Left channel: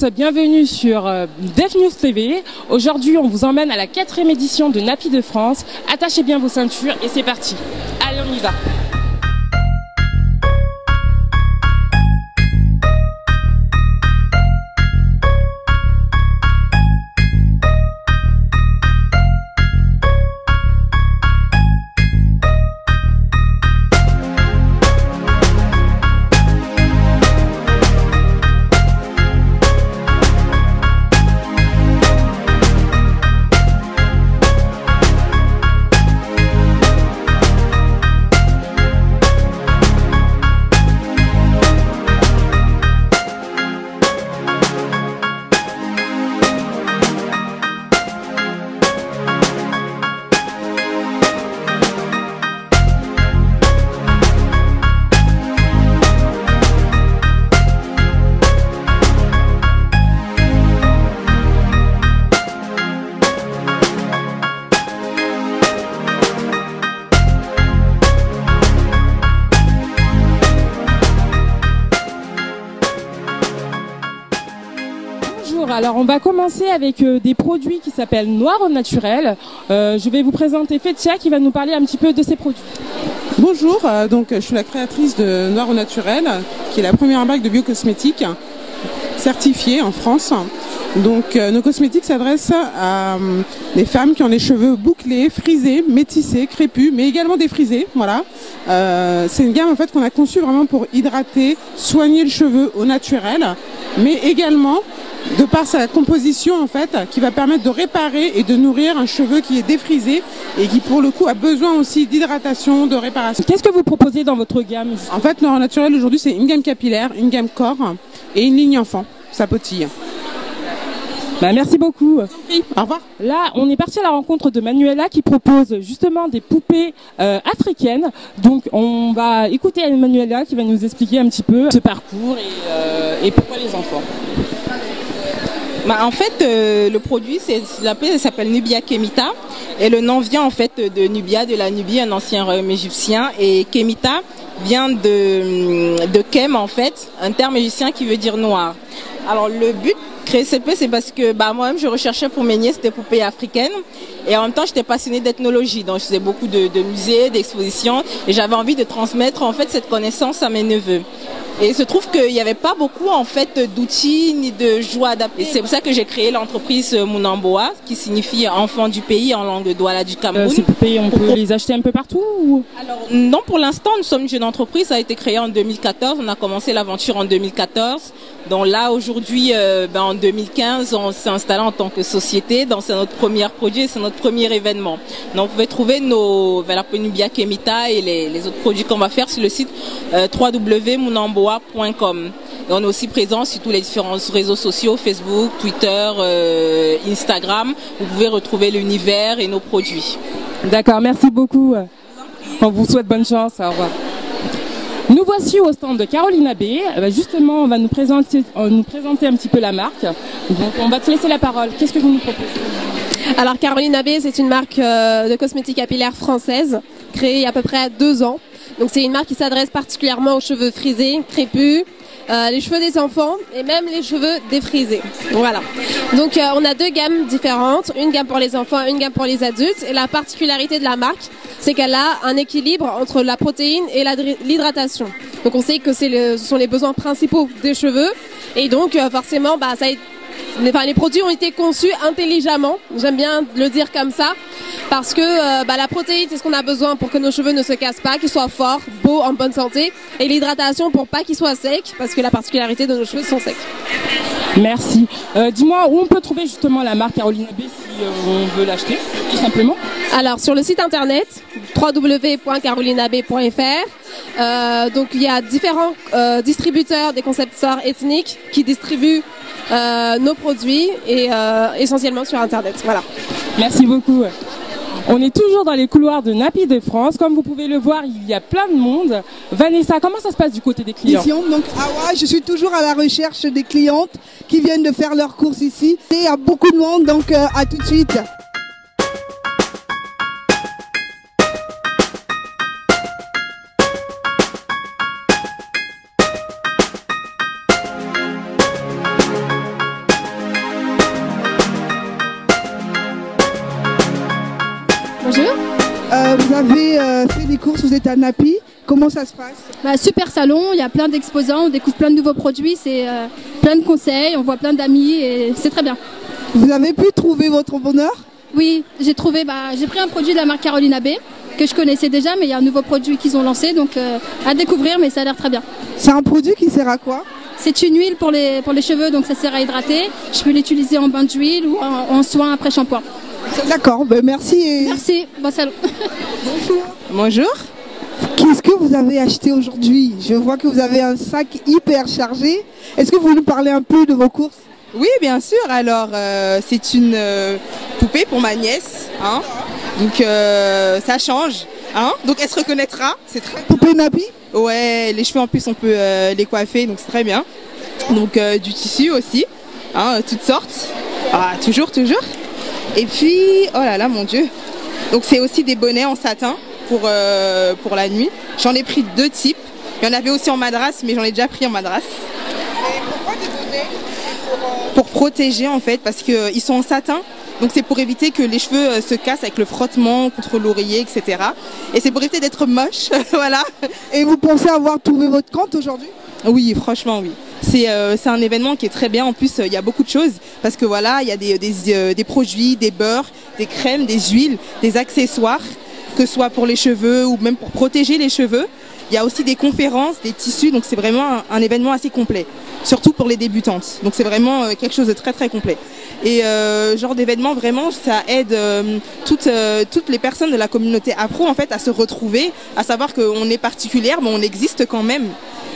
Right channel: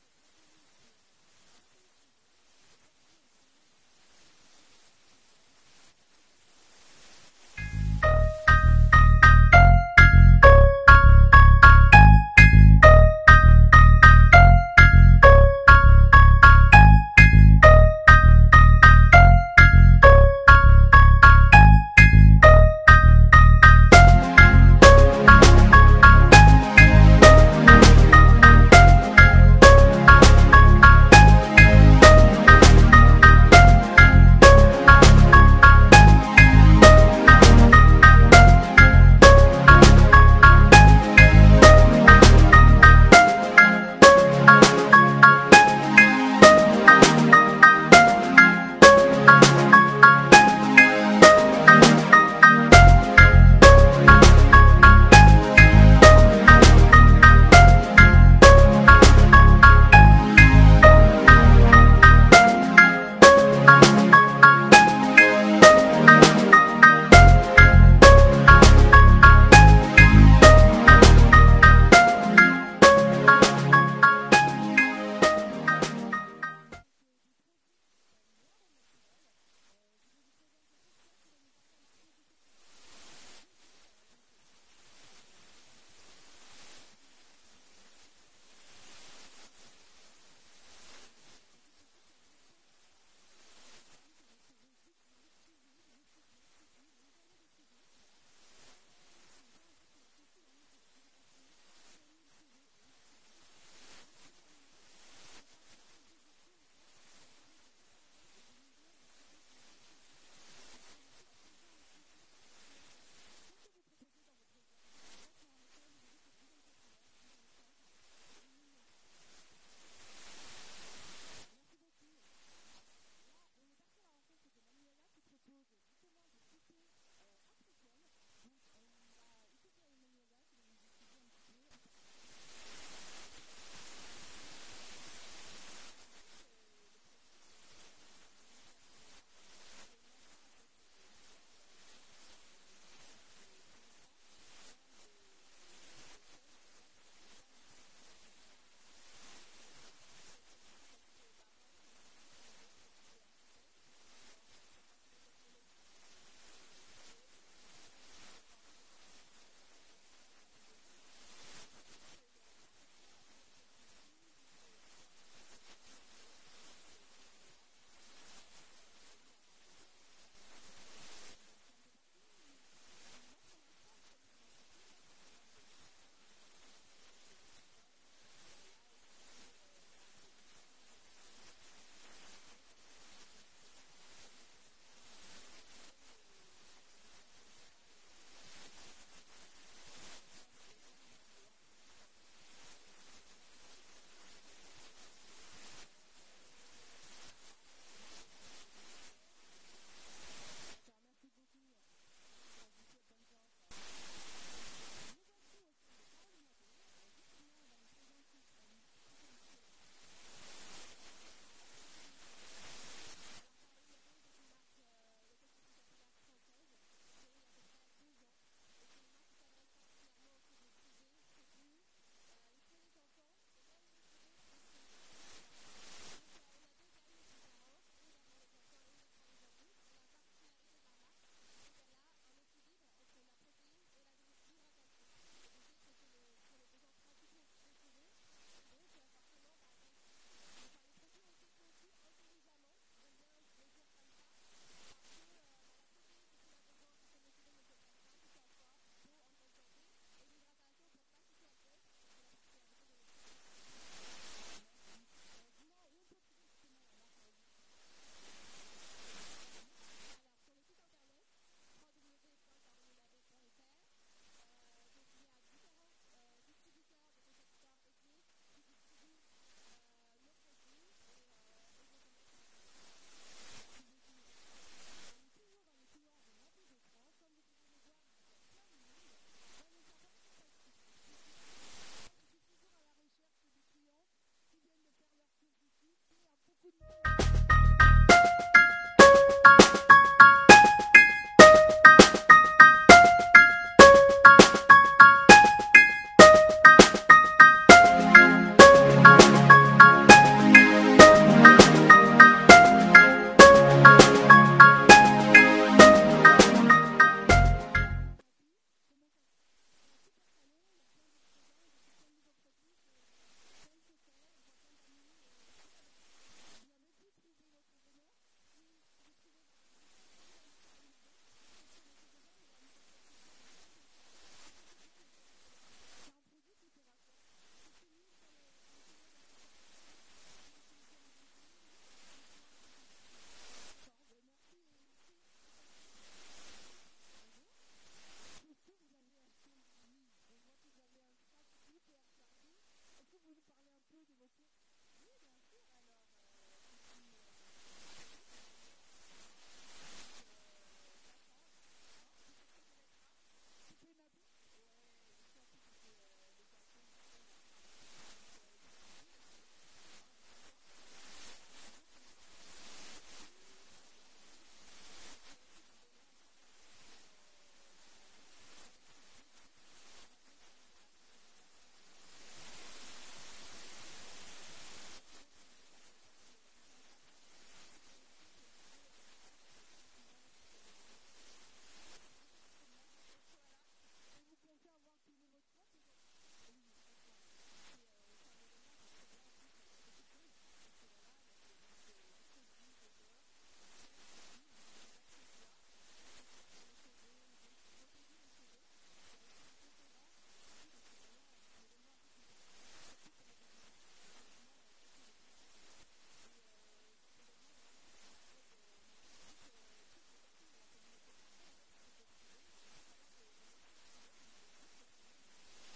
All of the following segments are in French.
tous, bienvenue sur Def News TV. Aujourd'hui, on vous emmène à la 4e édition de Nappy de France. Attachez bien vos ceintures et c'est parti. Allez, on y va. Alors on va commencer avec des produits qui s'appellent Noir au naturel. Je vais vous présenter Fetia qui va nous parler un petit peu de ces produits. Bonjour, donc je suis la créatrice de Noir au naturel, qui est la première marque de biocosmétiques certifiée en France. Donc nos cosmétiques s'adressent à des femmes qui ont les cheveux bouclés, frisés, métissés, crépus, mais également défrisés. Voilà. C'est une gamme en fait qu'on a conçue vraiment pour hydrater, soigner le cheveu au naturel, mais également de par sa composition en fait, qui va permettre de réparer et de nourrir un cheveu qui est défrisé et qui pour le coup a besoin aussi d'hydratation, de réparation. Qu'est-ce que vous proposez dans votre gamme? En fait, Noir naturel aujourd'hui c'est une gamme capillaire, une gamme corps et une ligne enfant, ça potille. Bah, merci beaucoup. Au revoir. Là, on est parti à la rencontre de Manuela qui propose justement des poupées africaines. Donc, on va écouter Manuela qui va nous expliquer un petit peu ce parcours et pourquoi les enfants. Bah, en fait, le produit s'appelle Nubia Kemita et le nom vient en fait de Nubia, de la Nubie, un ancien royaume égyptien, et Kemita vient de Kem en fait, un terme égyptien qui veut dire noir. Alors le but de créer CP, c'est parce que moi-même je recherchais pour mes nièces des poupées africaines et en même temps j'étais passionnée d'ethnologie, donc je faisais beaucoup de musées, d'expositions et j'avais envie de transmettre en fait cette connaissance à mes neveux. Et il se trouve qu'il n'y avait pas beaucoup en fait d'outils ni de joie adaptées. C'est pour ça que j'ai créé l'entreprise Munamboa, qui signifie enfant du pays en langue douala du Cameroun. Ces poupées, on peut les acheter un peu partout ou... Alors non, pour l'instant, nous sommes une jeune entreprise. Ça a été créé en 2014. On a commencé l'aventure en 2014. Donc là, aujourd'hui, en 2015, on s'est installé en tant que société. Donc c'est notre premier produit, c'est notre premier événement. Donc vous pouvez trouver la Nubia Kemita et les autres produits qu'on va faire sur le site www.munamboa.com. Et on est aussi présent sur tous les différents réseaux sociaux, Facebook, Twitter, Instagram. Vous pouvez retrouver l'univers et nos produits. D'accord, merci beaucoup. On vous souhaite bonne chance. Au revoir. Nous voici au stand de Carolina B. Justement, on va nous présenter un petit peu la marque. Donc, on va te laisser la parole. Qu'est-ce que vous nous proposez? Alors, Carolina B, c'est une marque de cosmétiques capillaires française, créée il y a à peu près 2 ans. Donc, c'est une marque qui s'adresse particulièrement aux cheveux frisés, crépus, les cheveux des enfants et même les cheveux défrisés. Voilà. Donc, on a 2 gammes différentes, une gamme pour les enfants, une gamme pour les adultes. Et la particularité de la marque, c'est qu'elle a un équilibre entre la protéine et l'hydratation. Donc, on sait que ce sont les besoins principaux des cheveux. Et donc, forcément, les produits ont été conçus intelligemment. J'aime bien le dire comme ça. Parce que la protéine, c'est ce qu'on a besoin pour que nos cheveux ne se cassent pas, qu'ils soient forts, beaux, en bonne santé. Et l'hydratation pour pas qu'ils soient secs, parce que la particularité de nos cheveux sont secs. Merci. Dis-moi où on peut trouver justement la marque Carolina B si on veut l'acheter, tout simplement. Alors sur le site internet www.carolinab.fr. Donc il y a différents distributeurs, des concepteurs ethniques qui distribuent nos produits et essentiellement sur internet. Voilà. Merci beaucoup. On est toujours dans les couloirs de Nappy de France. Comme vous pouvez le voir, il y a plein de monde. Vanessa, comment ça se passe du côté des clients? Donc, je suis toujours à la recherche des clientes qui viennent de faire leurs courses ici. Et il y a beaucoup de monde, donc à tout de suite. courses, vous êtes à Napi. Comment ça se passe? Bah, super salon, il y a plein d'exposants, on découvre plein de nouveaux produits, c'est plein de conseils, on voit plein d'amis et c'est très bien. Vous avez pu trouver votre bonheur? Oui, j'ai pris un produit de la marque Caroline Abbé que je connaissais déjà, mais il y a un nouveau produit qu'ils ont lancé, donc à découvrir, mais ça a l'air très bien. C'est un produit qui sert à quoi? C'est une huile pour les cheveux, donc ça sert à hydrater. Je peux l'utiliser en bain d'huile ou en soin après shampoing. D'accord, ben merci. Merci, bon salon. Bonjour. Bonjour. Qu'est-ce que vous avez acheté aujourd'hui? Je vois que vous avez un sac hyper chargé. Est-ce que vous nous parlez un peu de vos courses? Oui, bien sûr. Alors, c'est une poupée pour ma nièce. Hein. Donc, ça change. Hein. Donc, elle se reconnaîtra. C'est très Poupée Napi? Ouais, les cheveux en plus, on peut les coiffer. Donc, c'est très bien. Donc, du tissu aussi. Hein, toutes sortes. Ah, toujours. Et puis, oh là là, mon Dieu. Donc, c'est aussi des bonnets en satin pour la nuit. J'en ai pris 2 types. Il y en avait aussi en madras, mais j'en ai déjà pris en madras. Et pourquoi des bonnets? Pour protéger en fait, parce qu'ils sont en satin, donc c'est pour éviter que les cheveux se cassent avec le frottement contre l'oreiller, etc. Et c'est pour éviter d'être moche, voilà. Et vous pensez avoir trouvé votre compte aujourd'hui? Oui, franchement oui. C'est un événement qui est très bien, en plus il y a beaucoup de choses, parce que voilà, il y a des produits, des beurres, des crèmes, des huiles, des accessoires, que ce soit pour les cheveux ou même pour protéger les cheveux. Il y a aussi des conférences, des tissus, donc c'est vraiment un événement assez complet, surtout pour les débutantes. Donc c'est vraiment quelque chose de très très complet. Et genre d'événement, vraiment, ça aide toutes les personnes de la communauté afro en fait à se retrouver, à savoir qu'on est particulière, mais on existe quand même.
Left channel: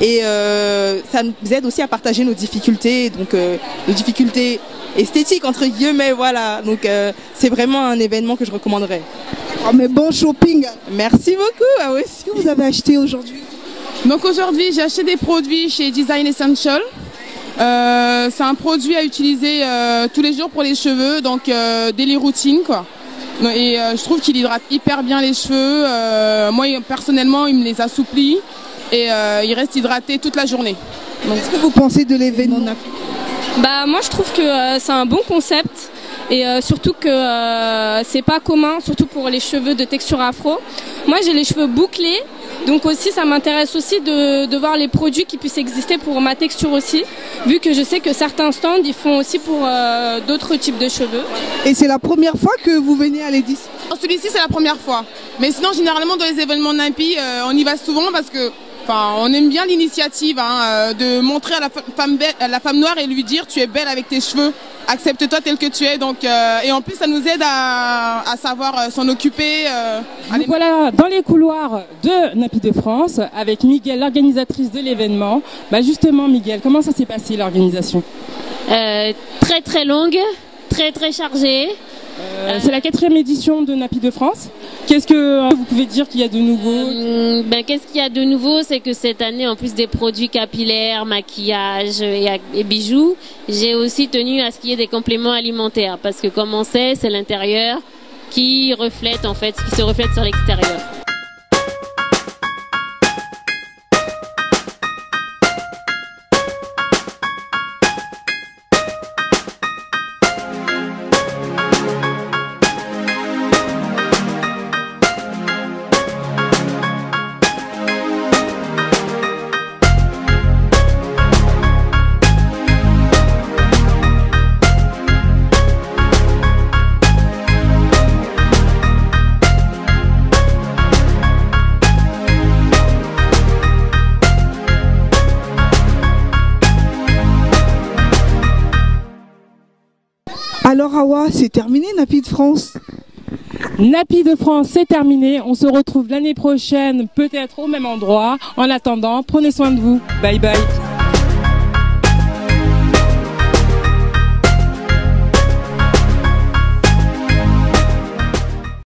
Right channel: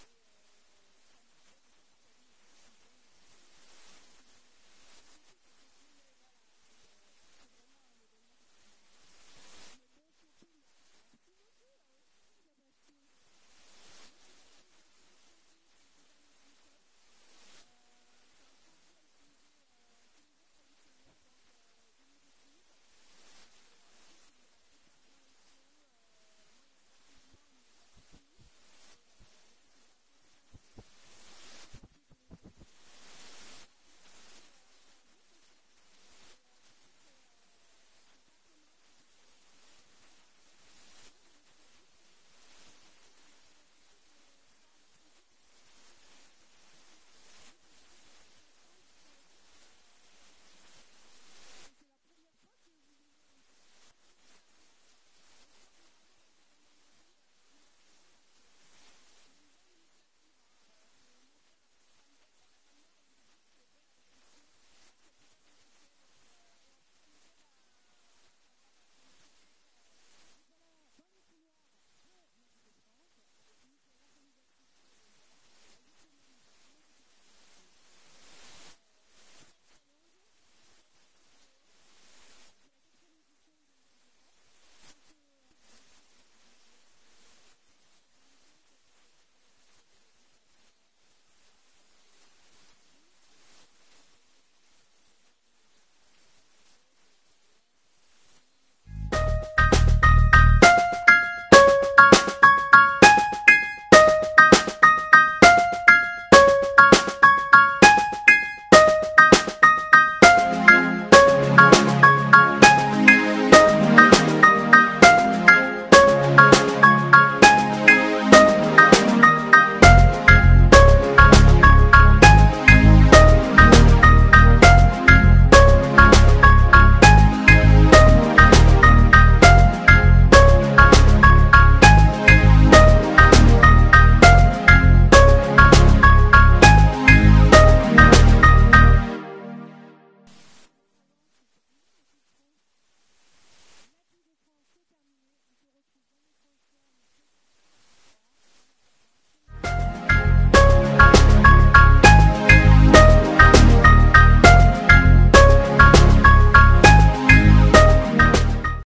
Et ça nous aide aussi à partager nos difficultés, donc nos difficultés esthétiques entre guillemets, voilà. Donc c'est vraiment un événement que je recommanderais. Oh, mais bon shopping. Merci beaucoup, à vous aussi. Qu'est-ce que vous avez acheté aujourd'hui? Donc aujourd'hui, j'ai acheté des produits chez Design Essential. C'est un produit à utiliser tous les jours pour les cheveux, donc daily routine quoi. Et je trouve qu'il hydrate hyper bien les cheveux. Moi personnellement, il me les assouplit et il reste hydraté toute la journée. Qu'est-ce que vous pensez de l'événement? Bah moi je trouve que c'est un bon concept. Et surtout que c'est pas commun, surtout pour les cheveux de texture afro. Moi j'ai les cheveux bouclés, donc aussi ça m'intéresse aussi de voir les produits qui puissent exister pour ma texture aussi, vu que je sais que certains stands ils font aussi pour d'autres types de cheveux. Et c'est la première fois que vous venez à l'édition? Celui-ci c'est la première fois, mais sinon généralement dans les événements Napi, on y va souvent parce que on aime bien l'initiative de montrer à la femme noire et lui dire tu es belle avec tes cheveux, accepte-toi tel que tu es. Donc, et en plus ça nous aide à savoir s'en occuper. Voilà dans les couloirs de Napi de France avec Miguel, l'organisatrice de l'événement. Bah justement Miguel, comment ça s'est passé l'organisation? Très très longue, très très chargée. C'est la 4e édition de Napi de France. Qu'est-ce que vous pouvez dire qu'il y a de nouveau? Qu'est-ce qu'il y a de nouveau, c'est que cette année, en plus des produits capillaires, maquillage et bijoux, j'ai aussi tenu à ce qu'il y ait des compléments alimentaires. Parce que comme on sait, c'est l'intérieur qui reflète en fait ce qui se reflète sur l'extérieur. Alors Awa, c'est terminé Napi de France? Napi de France, c'est terminé. On se retrouve l'année prochaine, peut-être au même endroit. En attendant, prenez soin de vous. Bye bye.